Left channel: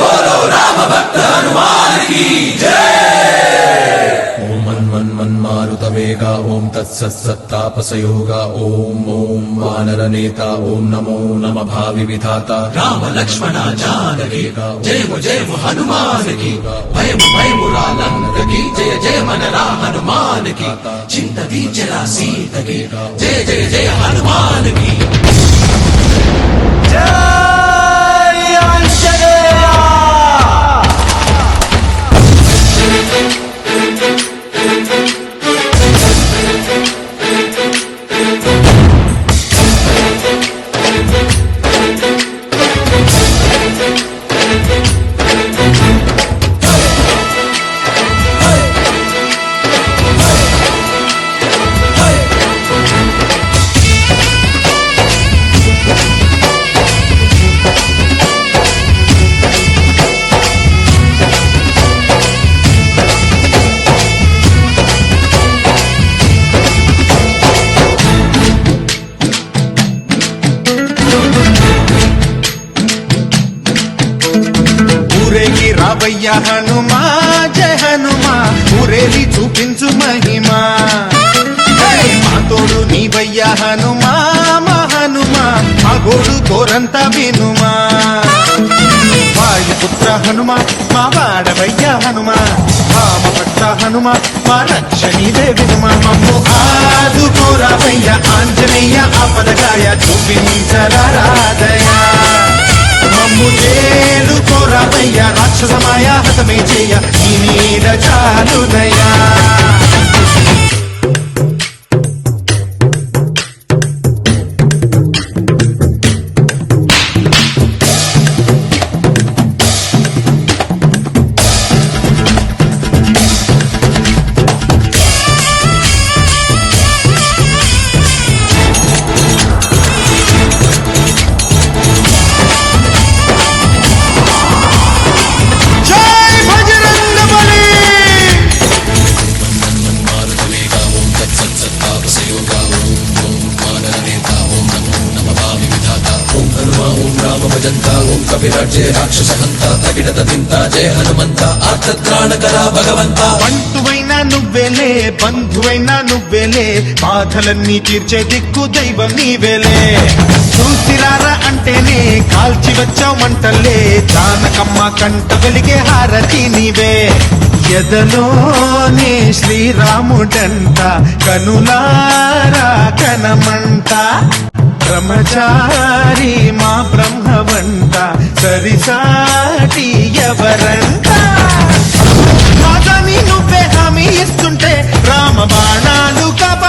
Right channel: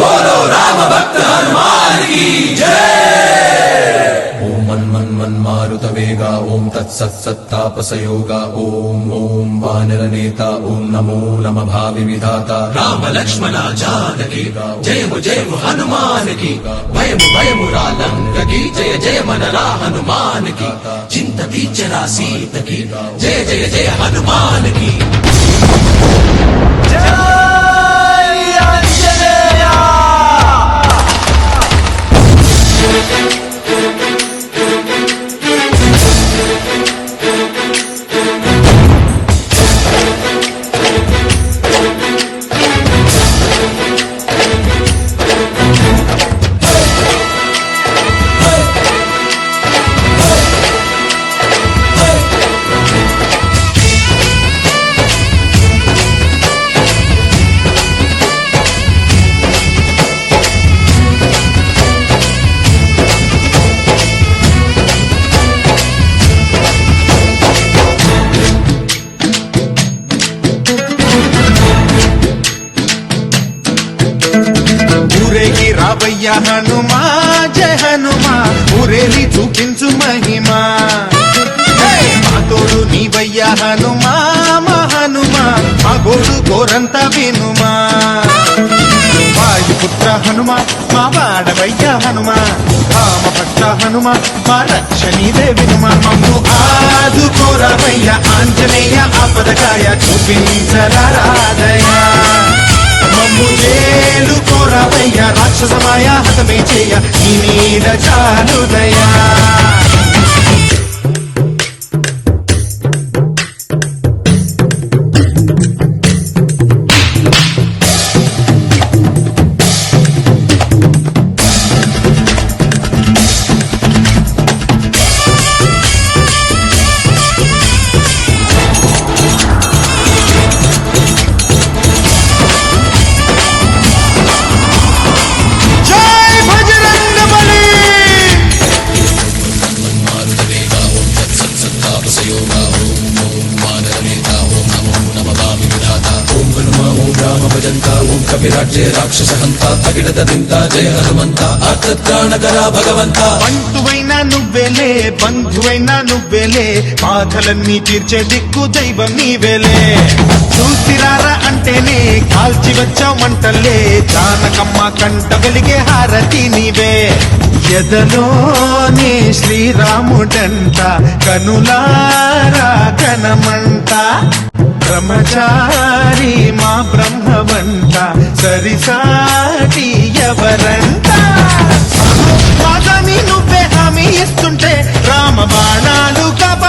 बोलो राम भक्त हनुमान की जय। ओम मन मन मन मारुत वेगा ओम तत्सत्तापसयोगा ओम ओम वानर नेता ओम नमो नम भावि विधाता राम लक्ष्मण जानकी जय हनुमान की भयम भयम रालंक की जय जय मनरा हनुमान की चिंत बीचरा सीत की जय जय जय हनुमान की ఊరేగి రావయ్య హనుమా జయ హనుమా ఊరేలి చూపించు మహిమా మా తోడు నీవయ్య హనుమా మా హనుమా మా గోడు గోరంత వినుమా వాయుపుత్ర హనుమా మా వాడవయ్య హనుమా రామభక్త హనుమా మా రక్షణీవే వినుమా మమ్ము ఆదుకోరావయ్య ఆంజనేయ ఆపదగాయ చూపించరాదయ మమ్ము చేలుకోరావయ్య రాక్షసమాయ హతమే చేయ నీ నీడ చాలుదయా రాక్షస హంత తగినత దింత జయ హనుమంత ఆర్తత్రాణకరా భగవంత బంటువైనా నువ్వేలే బంధువైనా నువ్వేలే బాధలన్నీ తీర్చే దిక్కు దైవం నీవేలే చూసిరారా అంటేనే కాల్చి వచ్చావు మంటల్లే జానకమ్మ కంట వెలిగే హారతి నీవే ఎదలోనే శ్రీరాముడంట కనులారా కనమంట బ్రహ్మచారి మా బ్రహ్మవంత సరిసాటి ఎవరంట మాదాని నువ్వే హామీ ఇస్తుంటే రామ బాణాలు కబ